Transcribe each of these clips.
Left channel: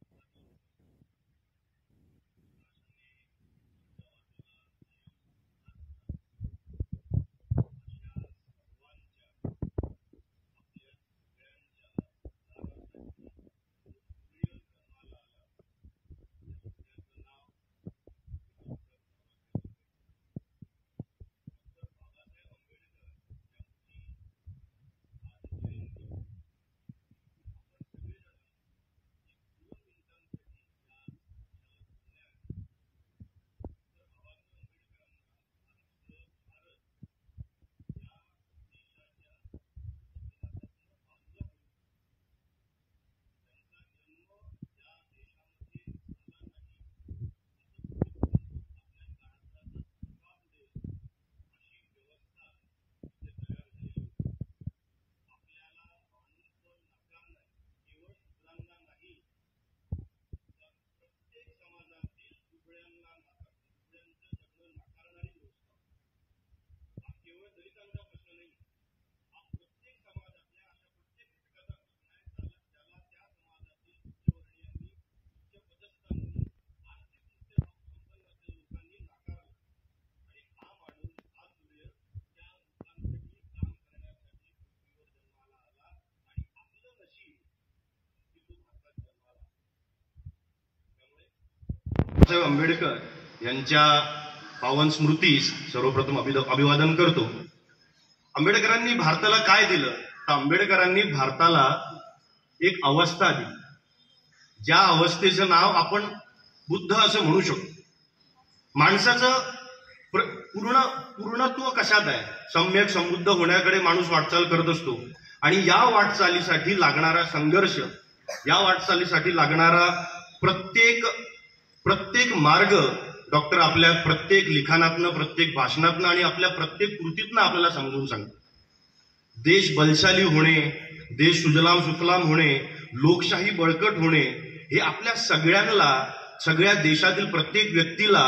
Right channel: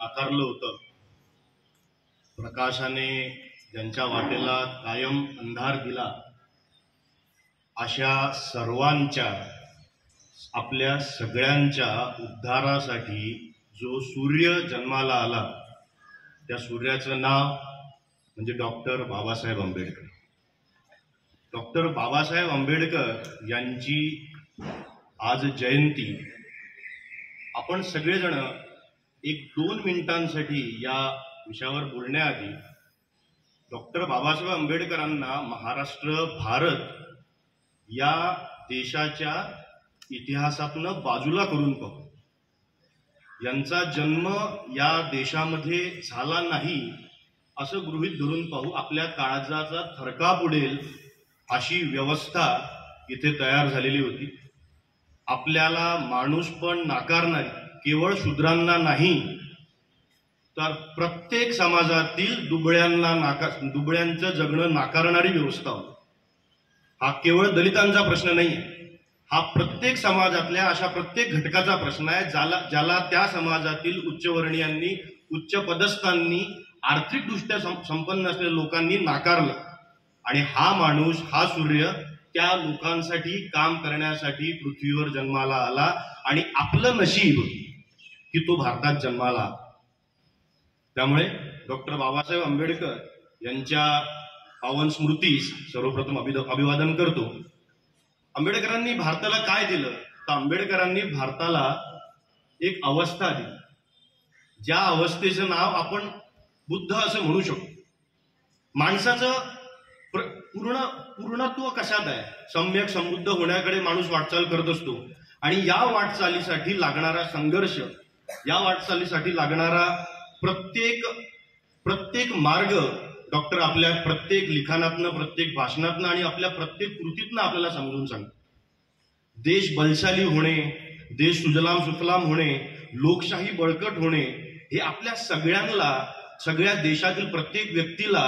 नाकारलं होतं. प्रकाशाने ज्यांच्या वाटेला कायम अंधार दिला, अशा सर्वांच्या, आपल्या सगळ्यांच्या उद्धारासाठी जो सूर्य जन्माला आला, त्या सूर्याचं नाव म्हणजे डॉक्टर बाबासाहेब आंबेडकर. डॉक्टर बाबासाहेब आंबेडकर यांची आज जयंती. आपण सगळेजण एक 2 मिनिटांसाठी या विषयावर बोलण्याआधी डॉक्टर बाबासाहेब आंबेडकरांना महाराष्ट्र, भारत या देशाच्या इतिहासातून बाजूला करून पाहू. यांचा जन्म या देशामध्ये झाला नाही असं गृहीत धरून पाहू. आपल्या काळजाचा थरकाप उडेल अशी व्यवस्था इथे तयार झालेली होती. आपल्याला माणूस पण नाकारणारी, केवळ शूद्रांना नाही तर प्रत्येक समाजातील दुबळ्यांचं जगणं नाकारणारी व्यवस्था होती. हा केवळ दलितांचा प्रश्न नाही आहे, हा प्रत्येक समाजातल्या अशा प्रत्येक घटकाचा प्रश्न आहे ज्याला त्या समाजातील उच्चवर्णीयांनी, उच्च पदस्थांनी, आर्थिकदृष्ट्या संपन्न असलेल्या लोकांनी नाकारलं. आणि हा माणूस, हा सूर्य त्या लोकांसाठी काम करण्यासाठी पृथ्वीवर जन्माला आला. आणि आपलं नशीब की तो भारतात जन्माला आला. त्यामुळे डॉक्टर बाबासाहेब आंबेडकर यांच्या पावन स्मृतीस सर्वप्रथम अभिवादन करतो. आंबेडकरांनी भारताला काय दिलं? तर आंबेडकरांनी भारताला एक अवस्था दिली, ज्या अवस्थेचं नाव आपण बुद्ध असं म्हणू शकतो. माणसाचं पूर्णत्व कशात आहे? सम्यक समृद्ध होण्याकडे माणूस वाटचाल करत असतो. आणि या वाटचालीसाठी लागणारा संघर्ष, या वाटचालीसाठी लागणारा प्रत्येक मार्ग डॉक्टर आपल्या प्रत्येक लिखाणातनं, प्रत्येक भाषणातनं आणि आपल्या प्रत्येक कृतीतनं आपल्याला समजून सांगतो. देश बलशाली होणे, देश सुजलाम सुफलाम होणे, लोकशाही बळकट होणे, हे आपल्या सगळ्यांना, सगळ्या देशातील प्रत्येक व्यक्तीला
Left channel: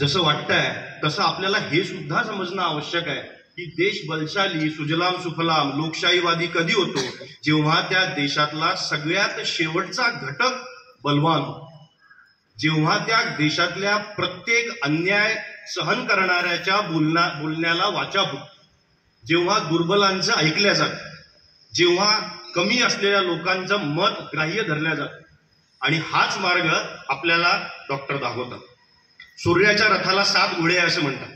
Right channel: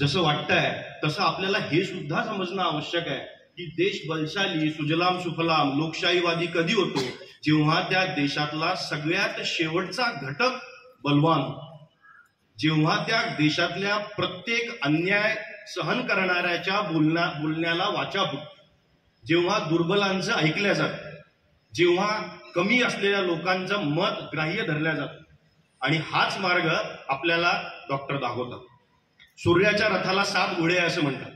जसं वाटतंय तसं आपल्याला हे सुद्धा समजणं आवश्यक आहे की देश बलशाली, सुजलाम सुफलाम, लोकशाहीवादी कधी होतो? जेव्हा त्या देशातला सगळ्यात शेवटचा घटक बलवान, जेव्हा त्या देशातल्या प्रत्येक अन्याय सहन करणाऱ्याच्या बोलण्याला वाचा होती, जेव्हा दुर्बलांचं ऐकल्या जातं, जेव्हा कमी असलेल्या लोकांचं मत ग्राह्य धरल्या जातं. आणि हाच मार्ग आपल्याला डॉक्टर दाखवतात. सूर्याच्या रथाला 7 घोडे आहे असं म्हणतात.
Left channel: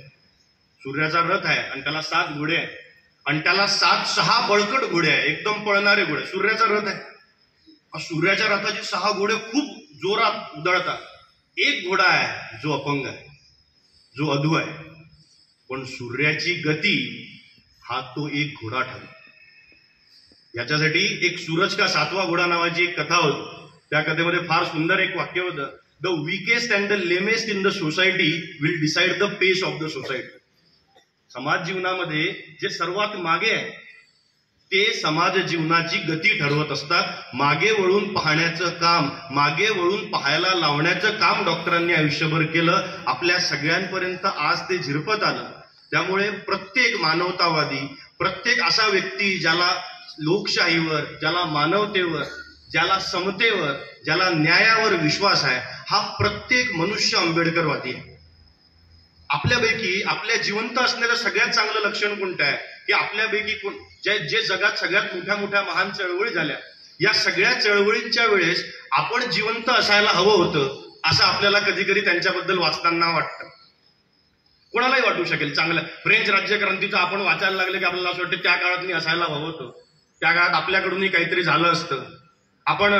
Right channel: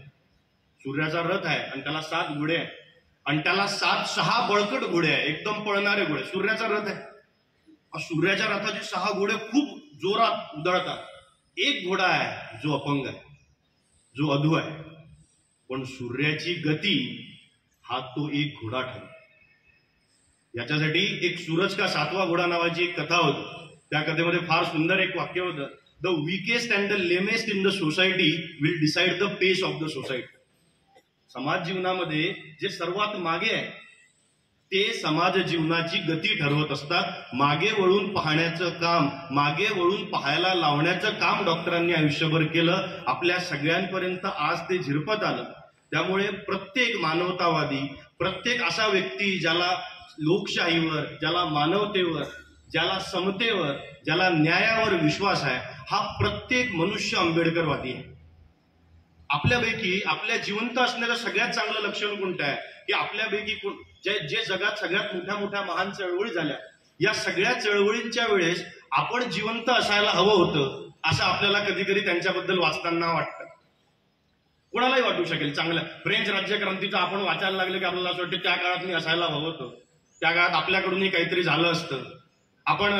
सूर्याचा रथ आहे आणि त्याला 7 घोडे आहे आणि त्याला 6 बळकट घोडे आहे, एकदम पळणारे घोडे. सूर्याचा रथ आहे. सूर्याच्या रथाचे 6 घोडे खूप जोरात उधळतात. एक घोडा आहे जो अपंग आहे, जो अधू आहे. पण सूर्याची गती हा तो एक घोडा ठरतो. याच्यासाठी एक सूरज का 7वा घोडा नावाची एक कथा होती. त्या कथेमध्ये फार सुंदर एक वाक्य होतं, the weakest and the lamest in the society will decide the pace of the society. समाज जीवनामध्ये जे सर्वात मागे आहे ते समाज जीवनाची गती ठरवत असतात. मागे वळून पाहण्याचं काम, मागे वळून पाहायला लावण्याचं काम डॉक्टरांनी आयुष्यभर केलं. आपल्या सगळ्यांपर्यंत आज ते झिरपत आलं. त्यामुळे प्रत्येक मानवतावादी, प्रत्येक असा व्यक्ती ज्याला लोकशाहीवर, ज्याला मानवतेवर, ज्याला समतेवर, ज्याला न्यायावर विश्वास आहे, हा प्रत्येक मनुष्य आंबेडकरवादी आहे. आपल्यापैकी आपल्या जिवंत असण्याचं सगळ्यात चांगलं लक्षण कोणतं आहे की आपल्यापैकी जे जगात सगळ्यात मोठ्या मोठ्या महान चळवळी झाल्या, या सगळ्या चळवळींच्या वेळेस आपण जिवंत असायला हवं होतं असं आपल्याला कधी कधी त्यांच्याबद्दल वाचताना वाटतं. कोणालाही वाटू शकेल. चांगलं फ्रेंच राज्यक्रांतीचं आपण वाचायला लागले की आपल्याला असं वाटतं त्या काळात मी असायला हवं होतं, त्या काळात आपल्याकडूनही काहीतरी झालं असतं. आपण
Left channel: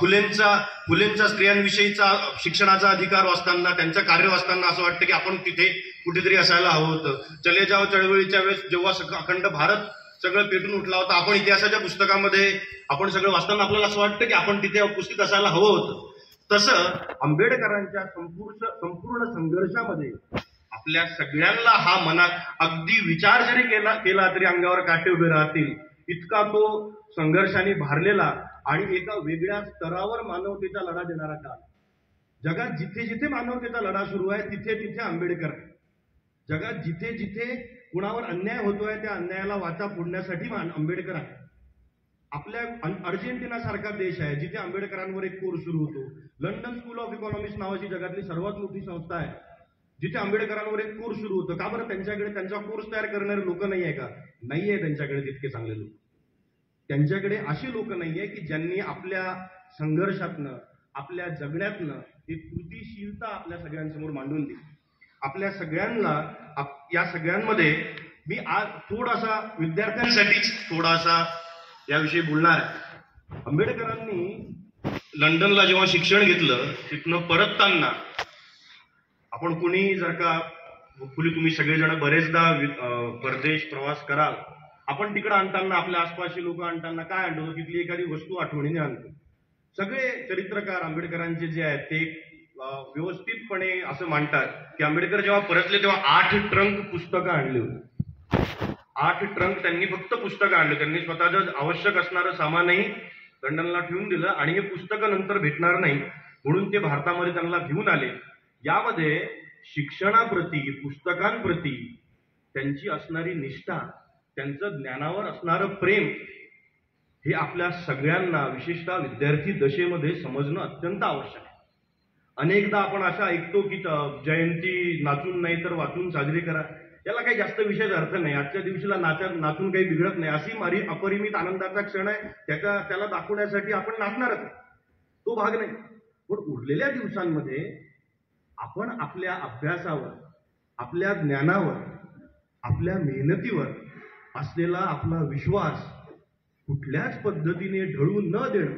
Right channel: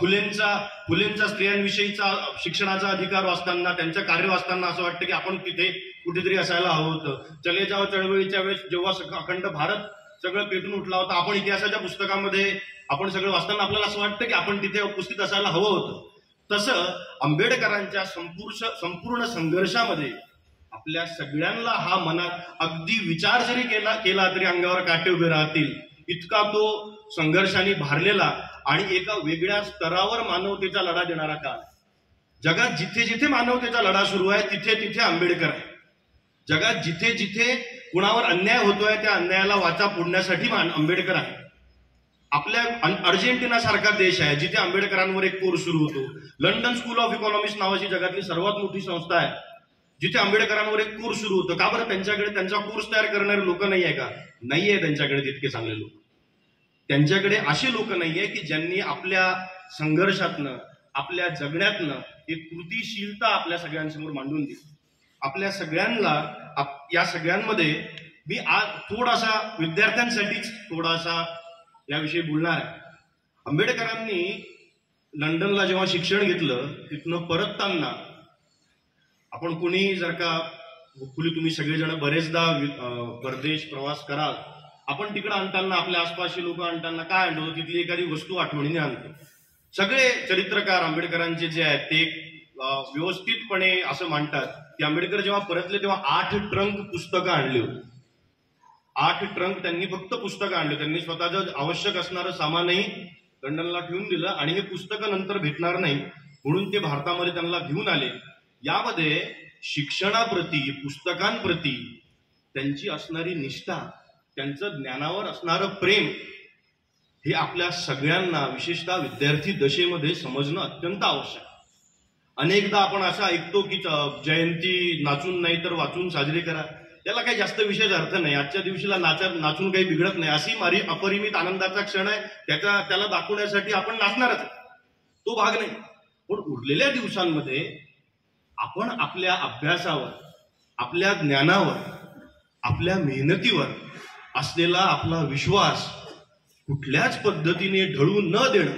फुलेंचा स्त्रियांविषयीचा शिक्षणाचा अधिकार वाचताना, त्यांचं कार्य वाचताना असं वाटतं की आपण तिथे कुठेतरी असायला हवं होतं. चले जाव चळवळीच्या वेळेस जेव्हा अखंड भारत सगळं पेटून उठला होता, आपण इतिहासाच्या पुस्तकामध्ये आपण सगळं वाचताना आपल्याला असं वाटतं की आपण तिथे उपस्थित असायला हवं होतं. तसं आंबेडकरांच्या संपूर्ण संघर्षामध्ये आपल्या सगळ्यांना हा मनात अगदी विचार जरी केला तरी अंगावर काटे उभे राहतील इतका तो संघर्षाने भारलेला आणि एका वेगळ्या स्तरावर मानवतेचा लढा देणारा काळ. जगात जिथे जिथे मानवतेचा लढा सुरू आहे तिथे तिथे आंबेडकर आहे. जगात जिथे जिथे कुणावर अन्याय होतोय त्या अन्यायाला वाचा फोडण्यासाठी आंबेडकर आहे. आपल्या अर्जेंटिना सारखा देश आहे जिथे आंबेडकरांवर एक कोर्स सुरू होतो. लंडन स्कूल ऑफ इकॉनॉमिक्स नावाची जगातली सर्वात मोठी संस्था आहे जिथे आंबेडकरांवर एक कोर्स सुरू होतो. का बरं? त्यांच्याकडे त्यांचा कोर्स तयार करणारे लोक नाही आहे का? नाहीये त्यांच्याकडे तितके चांगले लोक. त्यांच्याकडे असे लोक नाहीये की ज्यांनी आपल्या संघर्षातनं, आपल्या जगण्यातनं एक कृतीशीलता आपल्या सगळ्यांसमोर मांडून दिली. आपल्या सगळ्यांना या सगळ्यांमध्ये मी आज थोडासा विद्यार्थ्यांसाठीच थोडासा याविषयी बोलणार आहे. आंबेडकरांनी लंडनला जेव्हा शिक्षण घेतलं, तिथनं परतताना आपण कोणी जर का होपफुली तुम्ही सगळेजण बरेचदा परदेश प्रवास कराल, आपण तिकडे आणताना आपल्या आसपासचे लोक आणताना काय आणतो? तिथली एखादी वस्तू आठवणीने आणतो. सगळे चरित्रकार आंबेडकरांचे जे आहेत ते व्यवस्थितपणे असं मांडतात की आंबेडकर जेव्हा परतले तेव्हा 8 ट्रंक पुस्तकं आणली होती. 8 ट्रंक त्यांनी फक्त पुस्तकं आणले. त्यांनी स्वतःचं आवश्यक असणारं सामानही लंडनला ठेवून दिलं आणि हे पुस्तकं नंतर भेटणार नाही म्हणून ते भारतामध्ये त्यांना घेऊन आले. यामध्ये शिक्षणाप्रती, पुस्तकांप्रती त्यांची असणारी निष्ठा, त्यांचं ज्ञानावर असणारं प्रेम हे आपल्या सगळ्यांना विशेषतः विद्यार्थी दशेमध्ये समजणं अत्यंत आवश्यक आहे. अनेकदा आपण असं ऐकतो की जयंती नाचून नाही तर वाचून साजरी करा. त्याला काही जास्त विशेष अर्थ नाही. आजच्या दिवशीला नाचून काही बिघडत नाही. अशी मारी अपरिमित आनंदाचा क्षण आहे, त्याला दाखवण्यासाठी आपण नाचणारच, तो भाग नाही. पण उरलेल्या दिवसांमध्ये आपण आपल्या अभ्यासावर, आपल्या ज्ञानावर, आपल्या मेहनतीवर असलेला आपला विश्वास कुठल्याच पद्धतीने ढळून न देणं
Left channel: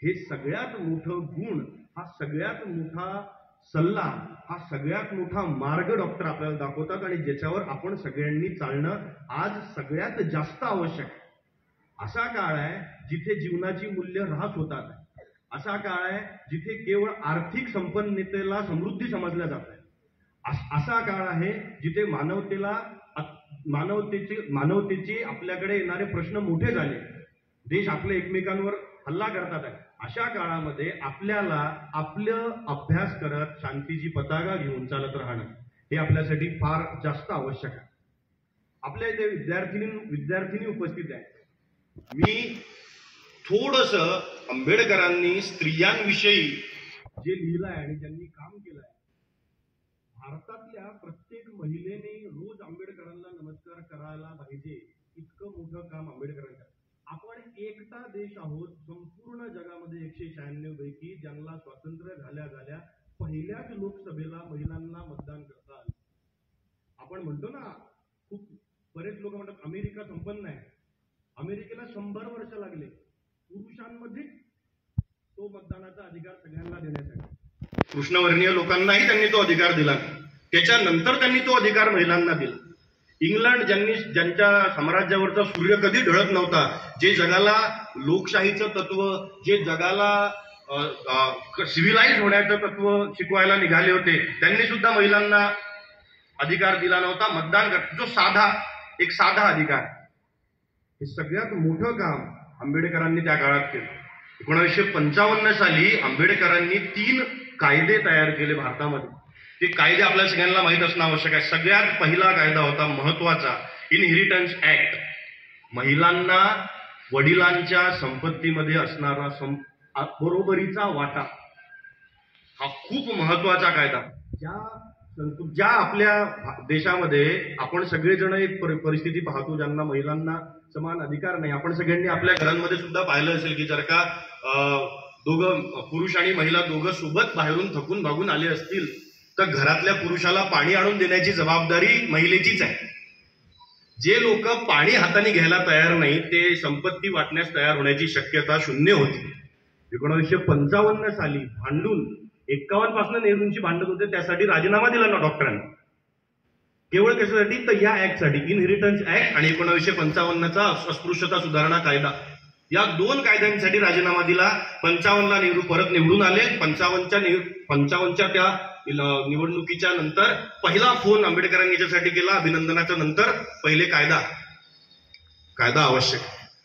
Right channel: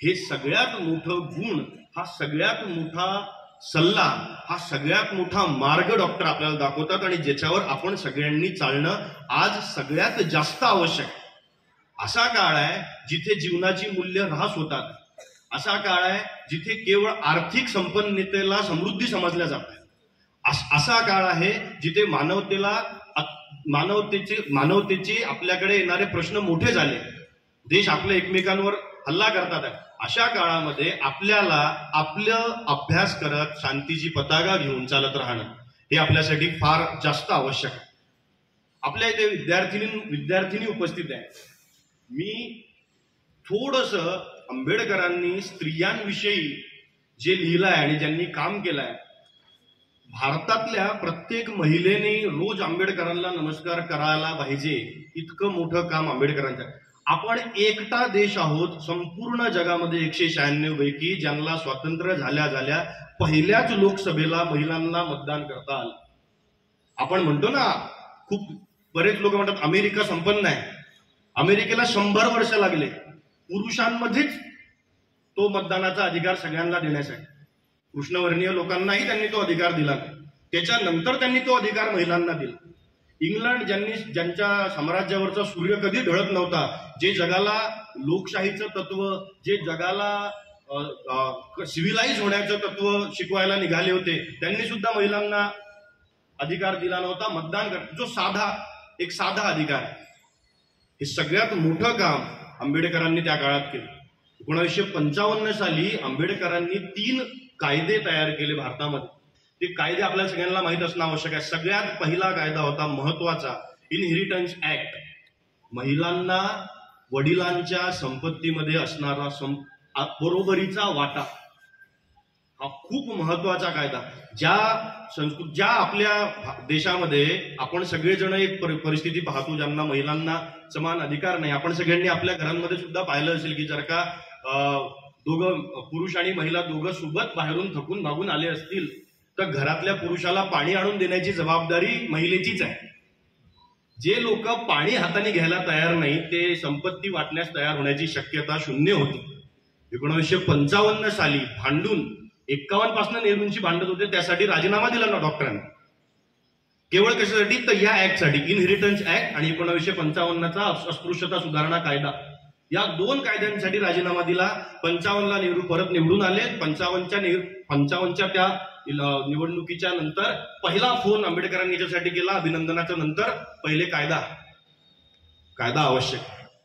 हे सगळ्यात मोठं गुण, हा सगळ्यात मोठा सल्ला, हा सगळ्यात मोठा मार्ग डॉक्टर आपल्याला दाखवतात आणि ज्याच्यावर आपण सगळ्यांनी चालणं आज सगळ्यात जास्त आवश्यक आहे. असा काळ आहे जिथे जीवनाची मूल्य ऱ्हास होतात. असा काळ आहे जिथे केवळ आर्थिक संपन्नतेला समृद्धी समजल्या जात आहे. असा काळ आहे जिथे मानवतेचे आपल्याकडे येणारे प्रश्न मोठे झाले. देश आपल्या एकमेकांवर हल्ला करतात. अशा काळामध्ये आपल्याला आपलं अभ्यास करत शांतीची पताका घेऊन चालत राहणं हे आपल्यासाठी फार जास्त आवश्यक आहे. आपल्या इथे विद्यार्थिनी उपस्थित आहे. मी थोडंसं आंबेडकरांनी स्त्रियांविषयी जे लिहिलंय आणि ज्यांनी काम केलंय, भारतातल्या प्रत्येक महिलेने रोज आंबेडकरांना नमस्कार करायला पाहिजे, इतकं मोठं काम आंबेडकरांचं. आपण एकटा देश आहोत संपूर्ण जगामध्ये 196 पैकी ज्यांना स्वातंत्र्य झाल्या पहिल्याच लोकसभेला महिलांना मतदान करता आलं. आपण म्हणतो ना, खूप बरेच लोक म्हणतात अमेरिका संपन्न आहे. अमेरिकेला 100 वर्ष लागले पुरुषांमध्येच तो मतदानाचा अधिकार सगळ्यांना देण्यासाठी. कृष्णवर्णीय लोकांनाही त्यांनी तो अधिकार दिला. त्याच्यानंतर त्यांनी तो अधिकार महिलांना दिला. इंग्लंड ज्यांच्या साम्राज्यावरचा सूर्य कधी ढळत नव्हता, जे जगाला लोकशाहीचं तत्व, जे जगाला सिव्हिलाइज होण्याचं तत्व शिकवायला निघाले होते, त्यांनी सुद्धा महिलांना अधिकार दिला नव्हता मतदान कर, जो साधा अधिकार. हे सगळ्यात मोठं काम आंबेडकरांनी त्या काळात केलं. 1955 साली आंबेडकरांनी 3 कायदे तयार केले भारतामध्ये. ते कायदे आपल्या सगळ्यांना माहीत असणं आवश्यक आहे. सगळ्यात पहिला कायदा होता महत्वाचा, इनहेरिटन्स ऍक्ट. महिलांना वडिलांच्या संपत्तीमध्ये असणारा बरोबरीचा वाटा, हा खूप महत्वाचा कायदा. ज्या आपल्या देशामध्ये आपण सगळेजण एक परिस्थिती पाहतो ज्यांना महिलांना समान अधिकार नाही. आपण सगळ्यांनी आपल्या घरांमध्ये सुद्धा पाहिलं असेल की जर का दोघं पुरुष आणि महिला दोघं सोबत बाहेरून थकून भागून आले असतील तर घरातल्या पुरुषाला पाणी आणून देण्याची जबाबदारी महिलेचीच आहे. जे लोक पाणी हाताने घ्यायला तयार नाही ते संपत्ती वाटण्यास तयार होण्याची शक्यता 0 होती. 1955 साली भांडून 51 पासून नेहरूंची भांडत होते, त्यासाठी राजीनामा दिला ना डॉक्टरांनी. केवळ कशासाठी? तर या ऍक्टसाठी, इनहेरिटन्स ऍक्ट आणि 1955चा अस्पृश्यता सुधारणा कायदा. या 2 कायद्यांसाठी राजीनामा दिला. 55ला नेहरू परत निवडून आले. 55च्या त्या निवडणुकीच्या नंतर पहिला फोन आंबेडकरांनी याच्यासाठी केला, अभिनंदनाच्या नंतर पहिले कायदा आवश्यक.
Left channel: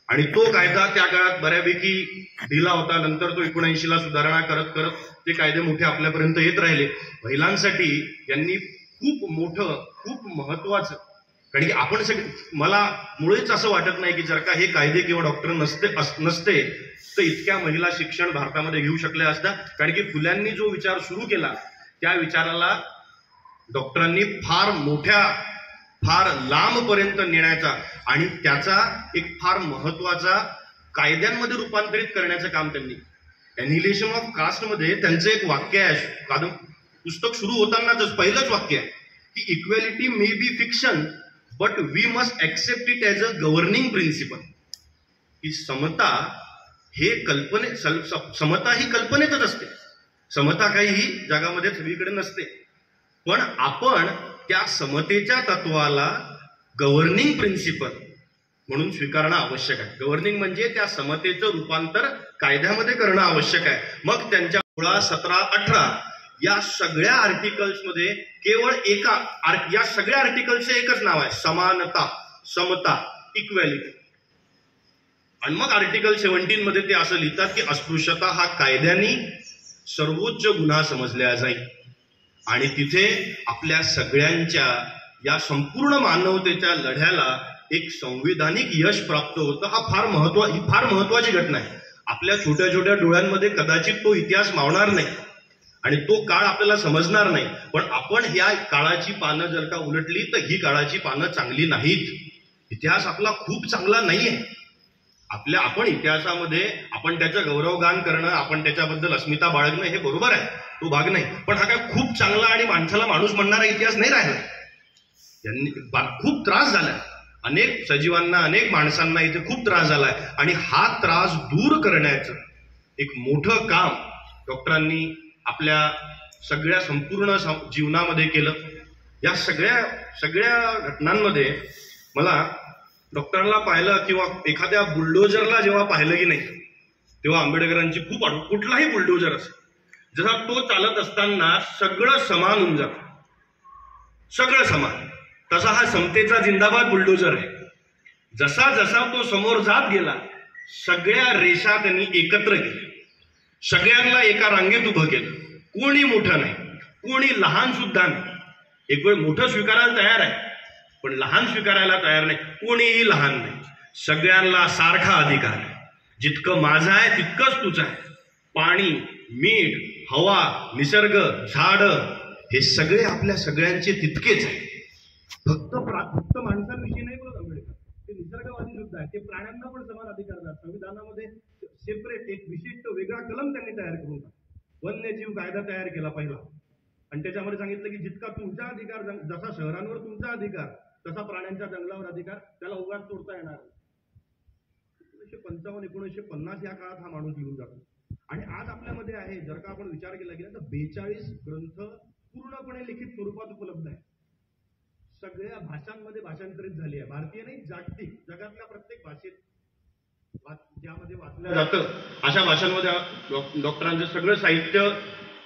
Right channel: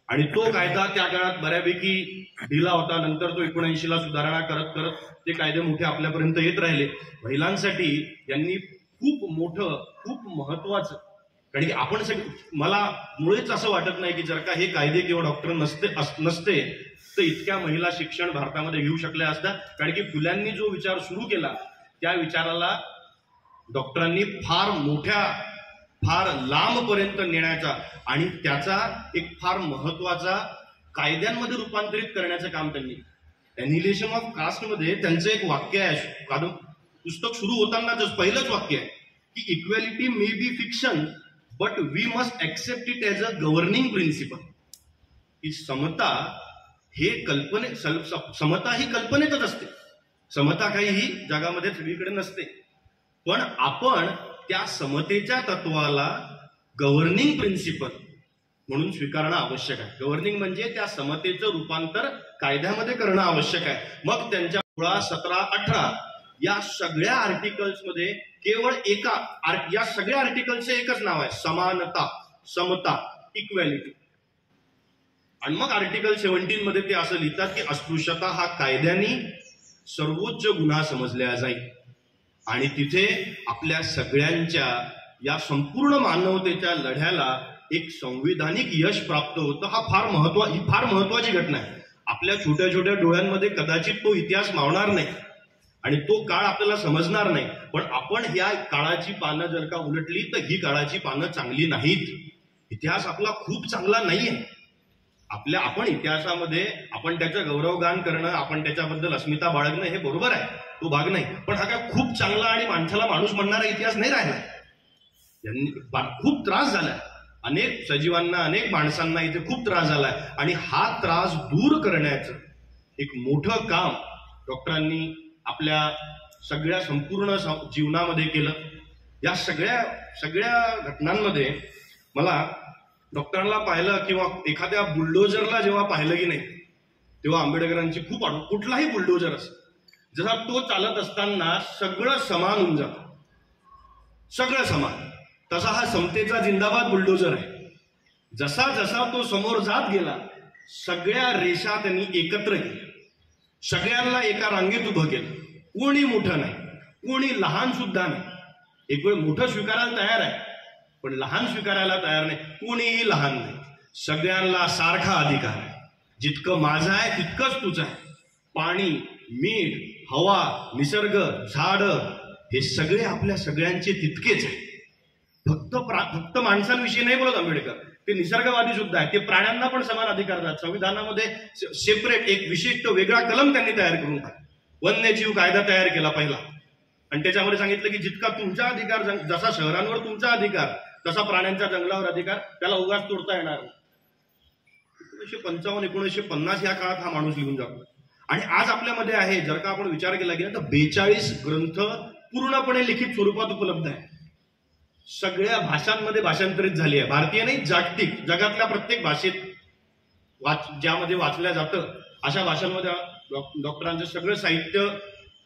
आणि तो कायदा त्या काळात बऱ्यापैकी दिला होता. नंतर तो 79ला सुधारणा करत करत ते कायदे मोठे आपल्यापर्यंत येत राहिले. महिलांसाठी यांनी खूप मोठं, खूप महत्वाचं कारण की आपण सगळे, मला मुळेच असं वाटत नाही की जर का हे कायदे किंवा डॉक्टर नसते तर इतक्या महिला शिक्षण भारतामध्ये घेऊ शकल्या असत्या. कारण की फुल्यांनी जो विचार सुरू केला त्या विचाराला डॉक्टरांनी फार लांबपर्यंत नेण्याचा आणि त्याचा एक फार महत्वाचा कायद्यांमध्ये रूपांतरित करण्याचं काम त्यांनी. एनिहिलेशन ऑफ कास्ट मध्ये त्यांचं एक वाक्य आहे, पुस्तक सुरू होतानाच पहिलंच वाक्य आहे की equality may be fiction but we must accept it as a governing principle. की समता ही कल्पनेतच असते. समता काही ही जगामध्ये सगळीकडे नसते, पण आपण त्या समतेच्या तत्वाला गव्हर्निंग प्रिन्सिपल म्हणून स्वीकारणं आवश्यक आहे. गव्हर्निंग म्हणजे त्या समतेचं रूपांतर कायद्यामध्ये करणं आवश्यक आहे. मग त्यांच्या 16, 17, 18 या सगळ्या आर्टिकल्समध्ये केवळ या सगळ्या आर्टिकल्सचं एकच नाव आहे, समानता, समता, इक्वॅलिटी. आणि मग आर्टिकल 17 मध्ये ते असं लिहितात की अस्पृश्यता हा कायद्याने सर्वोच्च गुन्हा समजला जाईल. आणि तिथे आपल्या सगळ्यांच्या या संपूर्ण मानवतेच्या लढ्याला एक संविधानिक यश प्राप्त होतं. ही फार महत्वाची घटना आहे. आपल्या छोट्या छोट्या डोळ्यांमध्ये कदाचित तो इतिहास मावणार नाही आणि तो काळ आपल्याला समजणार नाही, पण आपण ह्या काळाची पानं जर का उलटली तर ही काळाची पानं चांगली नाहीत. इतिहास आपला खूप चांगला नाहीये. आपण इतिहासामध्ये आपण त्याचं गौरवगान करणं, आपण त्याच्याबद्दल अस्मिता बाळगणं हे बरोबर आहे, तो भाग नाही. पण हा काय खूप चांगला आणि माणसाला माणूस म्हणणारा इतिहास नाही राहिला. यांनी खूप त्रास झाला, अनेक सजीवांना, अनेक माणसांना इथे खूप त्रास झालाय. आणि हा त्रास दूर करण्याचं एक मोठं काम डॉक्टरांनी आपल्या सगळ्या संपूर्ण जीवनामध्ये केलं. या सगळ्या घटनांमध्ये मला डॉक्टरांना पाहिलं किंवा एखाद्या बुलडोजरला जेव्हा पाहिलं की नाही तेव्हा आंबेडकरांची खूप कुठलाही बुलडोजर असेल, जसा तो चालत असताना सगळं समान होऊन जातं, सगळं समान, तसा हा समतेचा जिंदाबाद बुलडोजर आहे. जसा जसा तो समोर जात गेला सगळ्या रेषा त्यांनी एकत्र केल्या, सगळ्यांना एका रांगेत उभं केलं. कोणी मोठं नाही, कोणी लहान सुद्धा नाही. एक वेळ मोठं स्वीकारायला तयार आहे पण लहान स्वीकारायला तयार नाही. कोणीही लहान नाही, सगळ्यांना सारखा अधिकार आहे. जितकं माझं आहे तितकंच तुझं आहे. पाणी, मीठ, हवा, निसर्ग, झाडं हे सगळे आपल्या सगळ्यांचे तितकेच आहे. फक्त माणसांविषयी नाही बोलत आंबेडकर, ते निसर्गवादी सुद्धा आहे. ते प्राण्यांना पण समान अधिकार देतात. संविधानामध्ये सेपरेट एक विशिष्ट वेगळा कलम त्यांनी तयार करून टाकला. वन्यजीव कायदा तयार केला पहिला आणि त्याच्यामध्ये सांगितलं की जितका तुमचा अधिकार, जसा शहरांवर तुमचा अधिकार तसा प्राण्यांच्या जंगलावर अधिकार, त्याला उगाच तोडता येणार. 1955, 1950 या काळात हा माणूस लिहून जातो. आणि आज आपल्यामध्ये आहे, जर का आपण विचार केला गेला तर 42 ग्रंथ पूर्णपणे लिखित स्वरूपात उपलब्ध आहे. सगळ्या भाषांमध्ये भाषांतरित झाली आहे. भारतीय नाही, जागतिक, जगातल्या प्रत्येक भाषेत ज्यामध्ये वाचल्या जातं अशा भाषांमध्ये डॉक्टरांचं सगळं साहित्य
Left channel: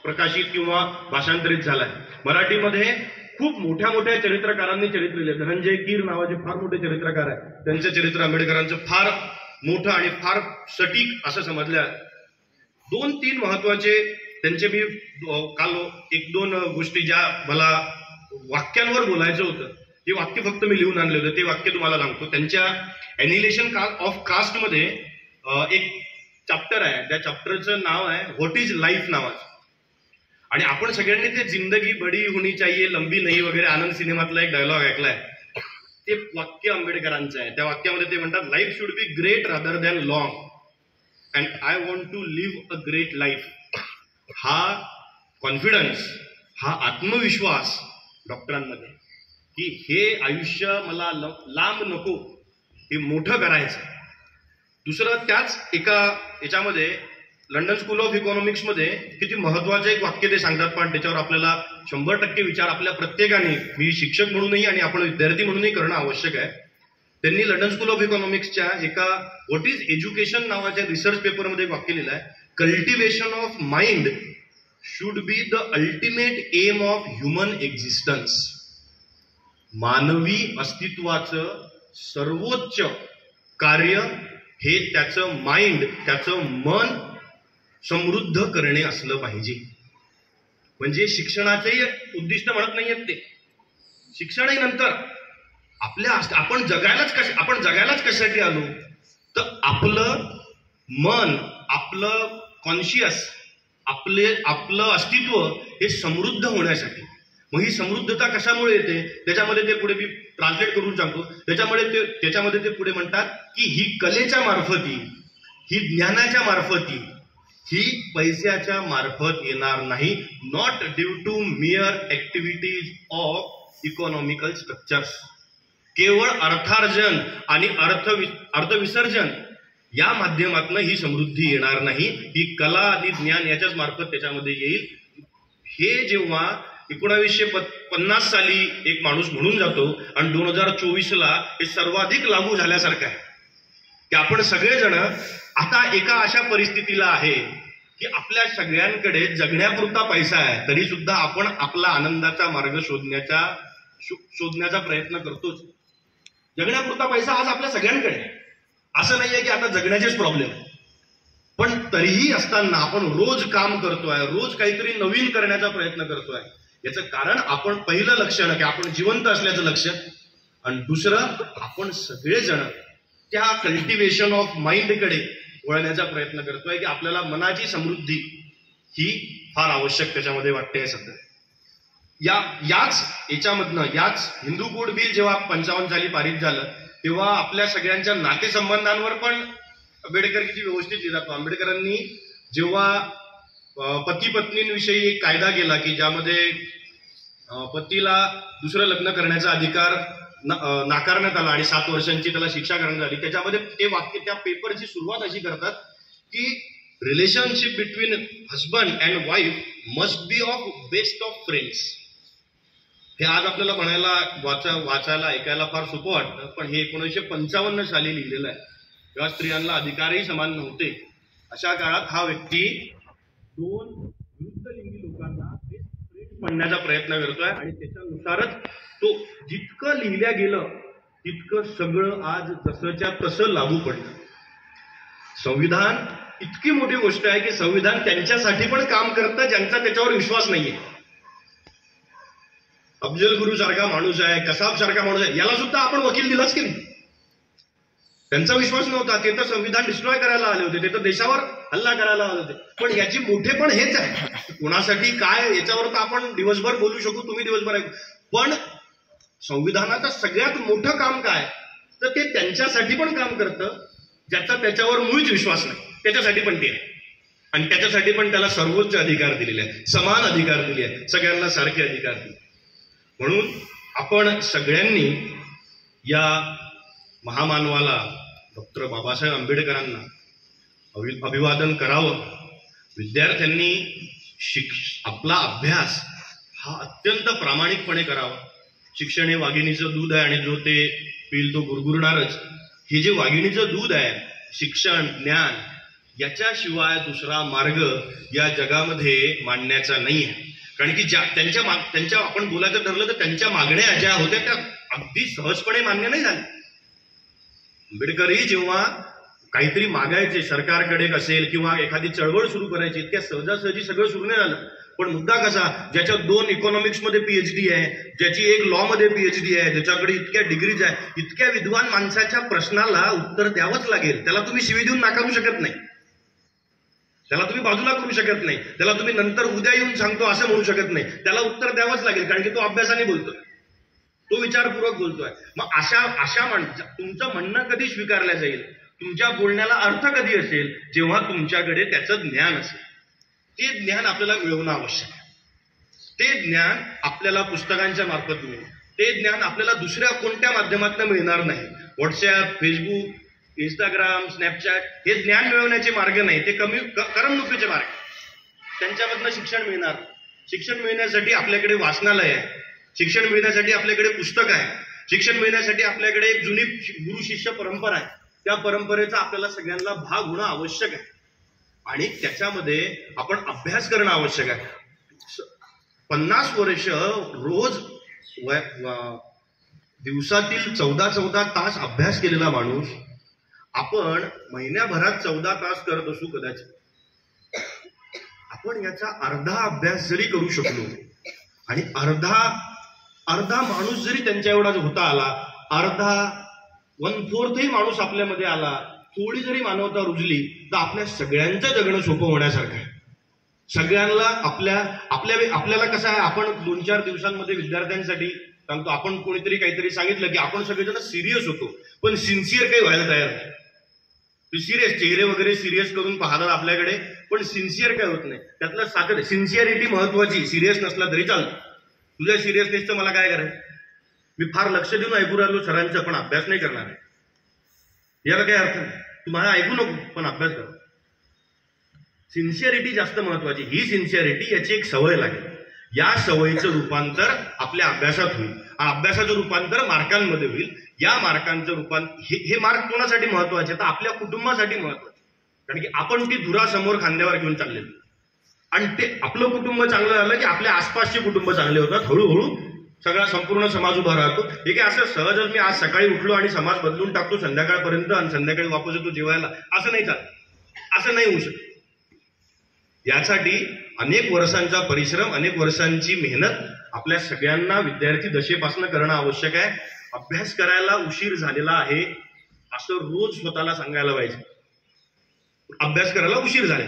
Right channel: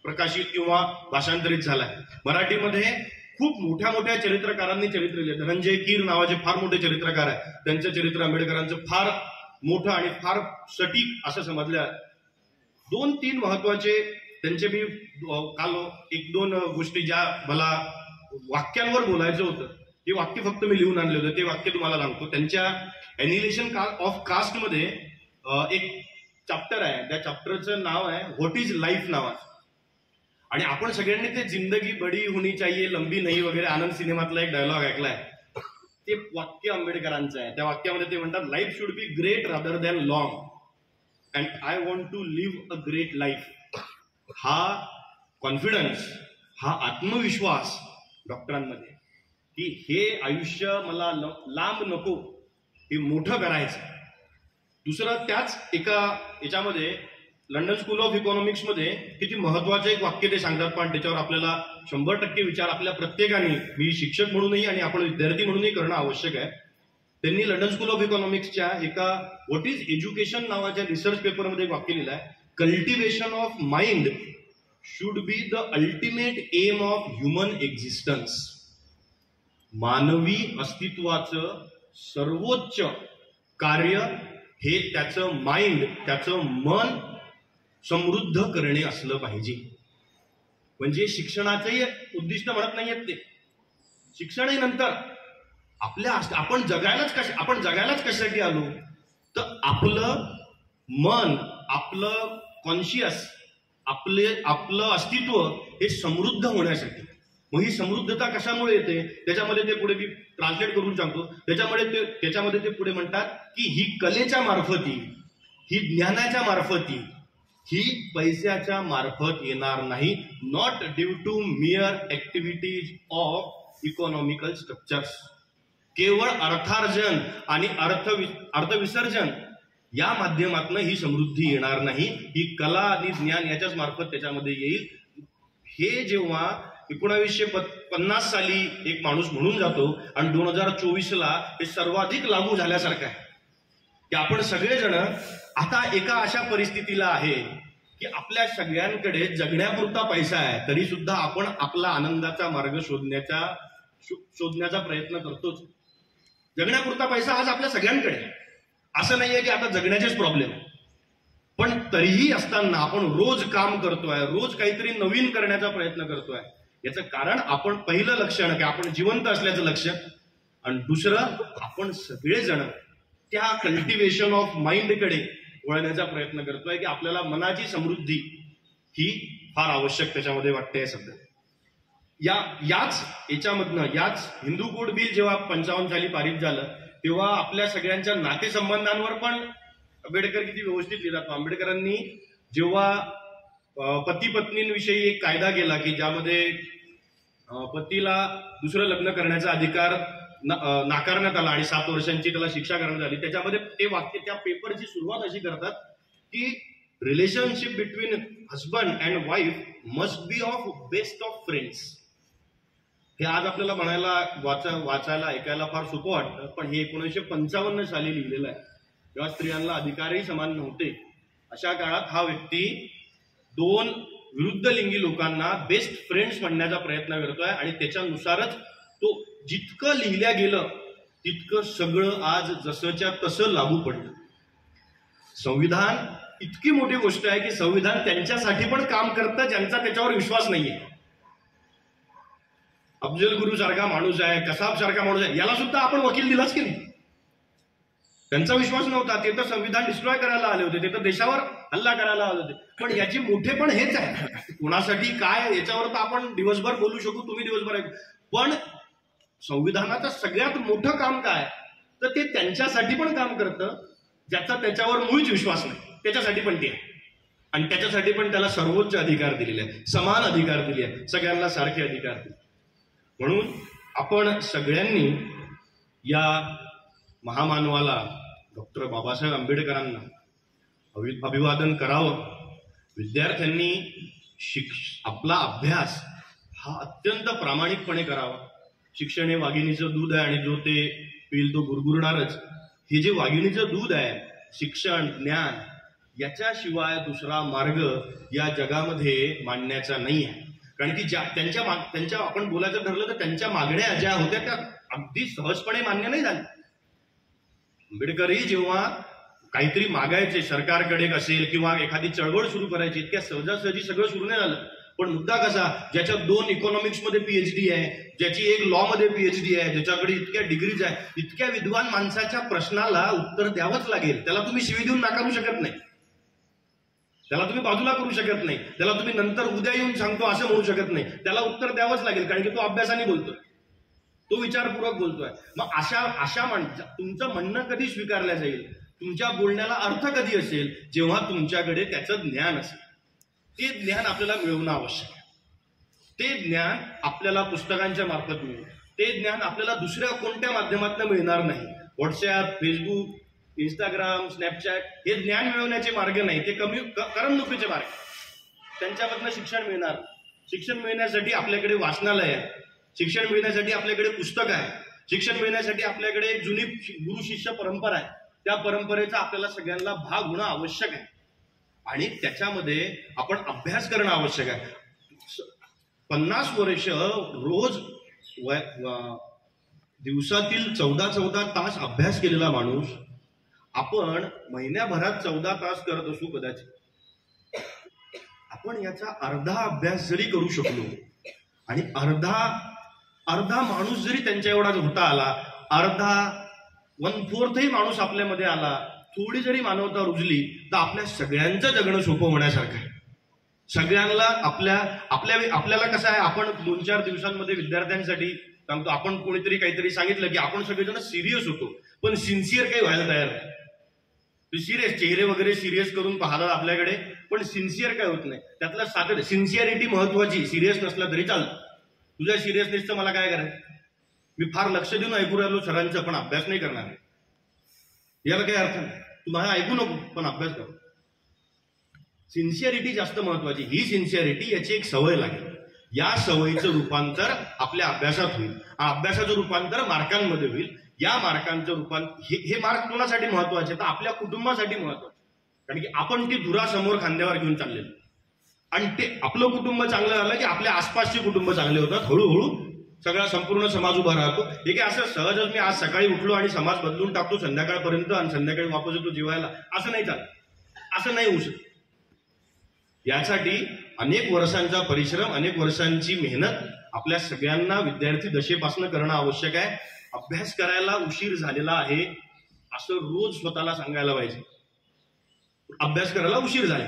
प्रकाशित किंवा भाषांतरित झालं आहे. मराठीमध्ये खूप मोठ्या मोठ्या चरित्रकारांनी चरित्र लिहिले. धनंजय कीर नावाचे फार मोठे चरित्रकार आहेत. त्यांचं चरित्र आंबेडकरांचं फार मोठं आणि फार सटीक असं समजलं आहे. 2-3 महत्वाचे त्यांचे मी काल 1-2 गोष्टी ज्या मला वाक्यांवर बोलायचं होतं ते वाक्य फक्त मी लिहून आणले होते, ते वाक्य तुम्हाला सांगतो. त्यांच्या एनिहिलेशन ऑफ कास्ट मध्ये एक चॅप्टर आहे, त्या चॅप्टरचं नाव आहे व्हॉट इज लाईफ नावाचं. आणि आपण सगळ्यांनी ते जिंदगी बडी होनी चाहिए लंबी नाही वगैरे आनंद सिनेमातला एक डायलॉग ऐकलाय. ते वाक्य आंबेडकरांचं आहे. त्या वाक्यामध्ये ते म्हणतात life should be great rather than long and I want to live a great life. हा कॉन्फिडन्स, हा आत्मविश्वास डॉक्टरांमध्ये की हे आयुष्य मला लांब नको, हे मोठं करायचं. दुसरं त्याच एका याच्यामध्ये लंडन स्कूल ऑफ इकॉनॉमिक्समध्ये किती महत्वाचं एक वाक्य ते सांगतात, पण त्याच्यावर आपल्याला 100% विचार आपल्या प्रत्येकाने, मी शिक्षक म्हणूनही आणि आपण विद्यार्थी म्हणूनही करणं आवश्यक आहे. त्यांनी लंडन स्कूल ऑफ इकॉनॉमिक्सच्या एका व्हॉट इज एज्युकेशन नावाच्या रिसर्च पेपरमध्ये एक वाक्य लिहिलं आहे, cultivation of mind should be the ultimate aim of human existence. मानवी अस्तित्वाचं सर्वोच्च कार्य हे त्याचं माइंड, त्याचं मन समृद्ध करणे असलं पाहिजे. म्हणजे शिक्षणाचेही उद्दिष्ट म्हणत नाहीयेत ते, शिक्षणही नंतर, आपण जगायलाच कशासाठी आलो? तर आपलं मन, आपलं कॉन्शियस, आपलं अस्तित्व हे समृद्ध होण्यासाठी. मग ही समृद्धता कशामुळे येते? त्याच्यामध्ये ते पुढे मी ट्रान्सलेट करून सांगतो. त्याच्यामध्ये ते पुढे म्हणतात की ही कलेच्या मार्फती, ही ज्ञानाच्या मार्फती, ही पैशाच्या मार्फत येणार नाही. Not due to mere activities of economical structures. केवळ अर्थार्जन आणि अर्थविसर्जन या माध्यमातून ही समृद्धी येणार नाही. ही कला आणि ज्ञान याच्याच मार्फत त्याच्यामध्ये येईल. हे जेव्हा 1950 साली एक माणूस म्हणून जातो आणि 2024ला हे सर्वाधिक लागू झाल्यासारखं आहे की आपण सगळेजण आता एका अशा परिस्थितीला आहे की आपल्या सगळ्यांकडे जगण्यापुरता पैसा आहे, तरी सुद्धा आपण आपला आनंदाचा मार्ग शोधण्याचा प्रयत्न करतोच. जगण्यापुरता पैसा आज आपल्या सगळ्यांकडे. असं नाहीये की आता जगण्याचेच प्रॉब्लेम, पण तरीही असताना आपण रोज काम करतोय, रोज काहीतरी नवीन करण्याचा प्रयत्न करतोय. याचं कारण आपण पहिलं लक्षण की आपण जिवंत असल्याचं लक्षण, आणि दुसरं आपण सगळेजण त्या कल्टिवेशन ऑफ माइंडकडे वळण्याचा प्रयत्न करतोय की आपल्याला मनाची समृद्धी ही फार आवश्यक त्याच्यामध्ये वाटते सध्या. याच हिंदू कोड बिल जेव्हा 55 साली पारित झालं तेव्हा आपल्या सगळ्यांच्या नातेसंबंधांवर पण आंबेडकर किती व्यवस्थित लिहितात. आंबेडकरांनी जेव्हा पती पत्नींविषयी एक कायदा केला की ज्यामध्ये पतीला दुसरं लग्न करण्याचा अधिकार नाकारण्यात आला आणि 7 वर्षांची त्याला शिक्षा करण्यात आली. त्याच्यामध्ये ते वाक्य, त्या पेपरची सुरुवात अशी करतात की relationship between husband and wife must be of best of friends. हे आज आपल्याला वाचायला ऐकायला फार सोपं वाटतं, पण हे 1955 साली लिहिलेलं आहे, तेव्हा स्त्रियांना अधिकारही समान नव्हते. अशा काळात हा व्यक्ती 2 विरुद्ध लिंगी लोकांना बेस्ट फ्रेंड्स म्हणण्याचा प्रयत्न करतोय आणि त्याच्यानुसारच तो जितकं लिहिल्या गेलं तितकं सगळं आज जसंच्या तसं लागू पडलं. संविधान इतकी मोठी गोष्ट आहे की संविधान त्यांच्यासाठी पण काम करतं ज्यांचा त्याच्यावर विश्वास नाहीये. अफजल गुरु सारखा माणूस आहे, कसाब सारखा माणूस आहे, याला सुद्धा आपण वकील दिलाच की नाही? त्यांचा विश्वास नव्हता, ते तर संविधान डिस्ट्रॉय करायला आले होते, ते तर देशावर हल्ला करायला आले होते. पण याची मोठेपण हेच आहे, कोणासाठी काय याच्यावर तर आपण दिवसभर बोलू शकू, तुम्ही दिवसभर ऐकू, पण संविधानाचं सगळ्यात मोठं काम काय तर ते त्यांच्यासाठी पण काम करतं ज्याचा त्याच्यावर मुळीच विश्वास नाही, त्याच्यासाठी पण ते आहे. आणि त्याच्यासाठी पण त्याला सर्वोच्च अधिकार दिलेले आहे, समान अधिकार दिले आहे, सगळ्यांना सारखे अधिकार दिले. म्हणून आपण सगळ्यांनी या महामानवाला डॉक्टर बाबासाहेब आंबेडकरांना अभिवादन करावं. विद्यार्थ्यांनी आपला अभ्यास हा अत्यंत प्रामाणिकपणे करावा. शिक्षण हे वाघिणीचं दूध आहे आणि जो ते पिल तो गुरगुरणारच. हे जे वाघिणीचं दूध आहे, शिक्षण, ज्ञान, याच्याशिवाय दुसरा मार्ग या जगामध्ये मांडण्याचा नाही आहे. कारण की त्यांच्या आपण बोलायचं ठरलं तर त्यांच्या मागण्या ज्या होत्या त्या अगदी सहजपणे मान्य नाही झाल्या. आंबेडकरही जेव्हा काहीतरी मागायचे सरकारकडे असेल किंवा एखादी चळवळ सुरू करायची, त्या सहजासहजी सगळं सुरू नाही झालं. पण मुद्दा कसा, ज्याच्या 2 इकॉनॉमिक्समध्ये PhD आहे, ज्याची 1 लॉमध्ये PhD आहे, ज्याच्याकडे इतक्या डिग्रीज आहे, इतक्या विद्वान माणसाच्या प्रश्नाला उत्तर द्यावंच लागेल. त्याला तुम्ही शिवी देऊन नाकारू शकत नाही, त्याला तुम्ही बाजूला करू शकत नाही, त्याला तुम्ही नंतर उद्या येऊन सांगतो असं म्हणू शकत नाही. त्याला उत्तर द्यावंच लागेल, कारण की तो अभ्यासाने बोलतोय, तो विचारपूर्वक बोलतोय. मग अशा तुमचं म्हणणं कधी स्वीकारलं जाईल, तुमच्या बोलण्याला अर्थ कधी असेल, जेव्हा तुमच्याकडे त्याचं ज्ञान असेल. ते ज्ञान आपल्याला मिळवणं आवश्यक आहे. ते ज्ञान आपल्याला पुस्तकांच्या मार्फत मिळेल, ते ज्ञान आपल्याला दुसऱ्या कोणत्या माध्यमातून मिळणार नाही. व्हॉट्सॲप, फेसबुक, इंस्टाग्राम, स्नॅपचॅट हे ज्ञान मिळवण्याचे मार्ग नाही, ते करमणुकीचे मार्ग. त्यांच्यामधनं शिक्षण मिळणार. शिक्षण मिळण्यासाठी आपल्याकडे वाचनालय आहे, शिक्षण मिळण्यासाठी आपल्याकडे पुस्तक आहे, शिक्षण मिळण्यासाठी आपल्याकडे एक जुनी गुरु शिष्य परंपरा आहे. त्या परंपरेचा आपल्याला सगळ्यांना भाग होणं आवश्यक आहे आणि त्याच्यामध्ये आपण अभ्यास करणं आवश्यक आहे. 50 वर्ष रोज दिवसातील 14 तास अभ्यास केलेला माणूस आपण महिन्याभरात 14 तास करत असू कदाचित. आपण याचा अर्धा अभ्यास जरी करू शकलो आणि अर्धा माणूस जरी त्यांच्या एवढा होता आला अर्धा 1/4 माणूस आपल्यामध्ये आला, थोडी जरी मानवता रुजली तर आपल्या सगळ्यांचं जगणं सोपं होण्यासारखं आहे. सगळ्यांना आपल्याला कसं आहे, आपण 2-4 दिवसांमध्ये विद्यार्थ्यांसाठी सांगतो, आपण कोणीतरी काहीतरी सांगितलं की आपण सगळेजण सिरियस होतो, पण सिन्सिअर काही व्हायला तयार नाही. सिरियस चेहरे वगैरे सिरियस करून पाहतात आपल्याकडे, पण सिन्सिअर काय होत नाही. त्यातलं साधं सिन्सिअरिटी महत्वाची, सिरियस नसला तरी चालतं. तुझ्या सिरियसनेसचं मला काय करायचं, मी फार लक्ष देऊन ऐकू राहिलो सरांचं, पण अभ्यास नाही करणार आहे, याला काही अर्थ नाही. तू माझा ऐकू नको पण अभ्यास कर. सिन्सिअरिटी जास्त महत्वाची. ही सिन्सिअरिटी याची एक सवय लागेल. या सवयीचं रूपांतर आपल्या अभ्यासात होईल, अभ्यासाचं रूपांतर मार्कांमध्ये होईल. या मार्कांचं हे मार्क कोणासाठी महत्वाचे, तर आपल्या कुटुंबासाठी महत्वाचे. कारण की आपण ती धुरा समोर खांद्यावर घेऊन चाललेलो, आणि ते आपलं कुटुंब चांगलं झालं की आपल्या आसपासचे कुटुंब चांगले होतात. हळूहळू सगळा संपूर्ण समाज उभा राहतो. हे काय असं सहजच मी आज सकाळी उठलो आणि समाज बदलून टाकतो संध्याकाळपर्यंत आणि संध्याकाळी वापस येतो जेवायला, असं नाही चालत, असं नाही होऊ शकत. यासाठी अनेक वर्षांचा परिश्रम, अनेक वर्षांची मेहनत आपल्या सगळ्यांना विद्यार्थी दशेपासून करणं आवश्यक आहे. अभ्यास करायला उशीर झालेला आहे असं रोज स्वतःला सांगायला पाहिजे. अभ्यास करायला उशीर झाले,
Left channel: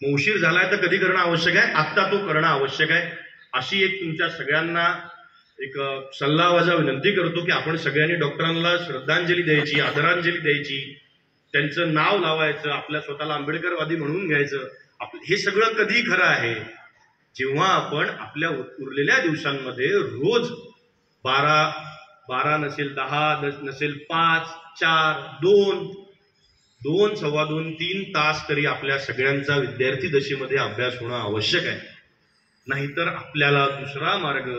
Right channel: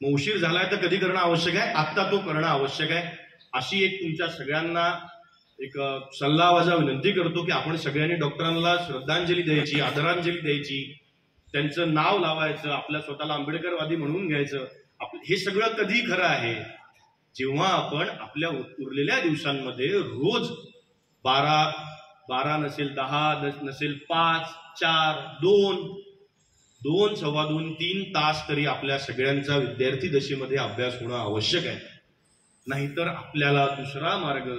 मग उशीर झालाय तर कधी करणं आवश्यक आहे, आत्ता तो करणं आवश्यक आहे. अशी एक तुमच्या सगळ्यांना एक सल्लावजा विनंती करतो की आपण सगळ्यांनी डॉक्टरांना श्रद्धांजली द्यायची, आदरांजली द्यायची, त्यांचं नाव लावायचं, आपल्या स्वतःला आंबेडकरवादी म्हणून घ्यायचं. हे सगळं कधी खरं आहे, जेव्हा आपण आपल्या उरलेल्या दिवसांमध्ये रोज 12 नसेल 10 नसेल 5, 4, 2, 2.25, 3 तास तरी आपल्या सगळ्यांचा विद्यार्थी दशेमध्ये अभ्यास होणं आवश्यक आहे. नाहीतर आपल्याला दुसरा मार्ग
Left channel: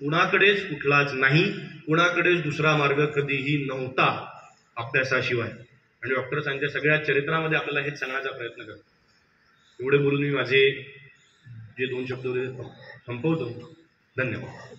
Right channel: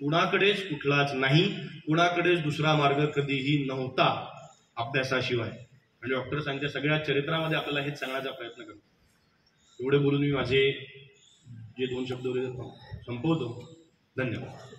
कुणाकडेच कुठलाच नाही, कुणाकडेच दुसरा मार्ग कधीही नव्हता अभ्यासाशिवाय. आणि डॉक्टर सांगते सगळ्या चरित्रामध्ये आपल्याला हेच सांगण्याचा प्रयत्न करतो. एवढे बोलून मी माझे जे 2 शब्द संपवतो. धन्यवाद.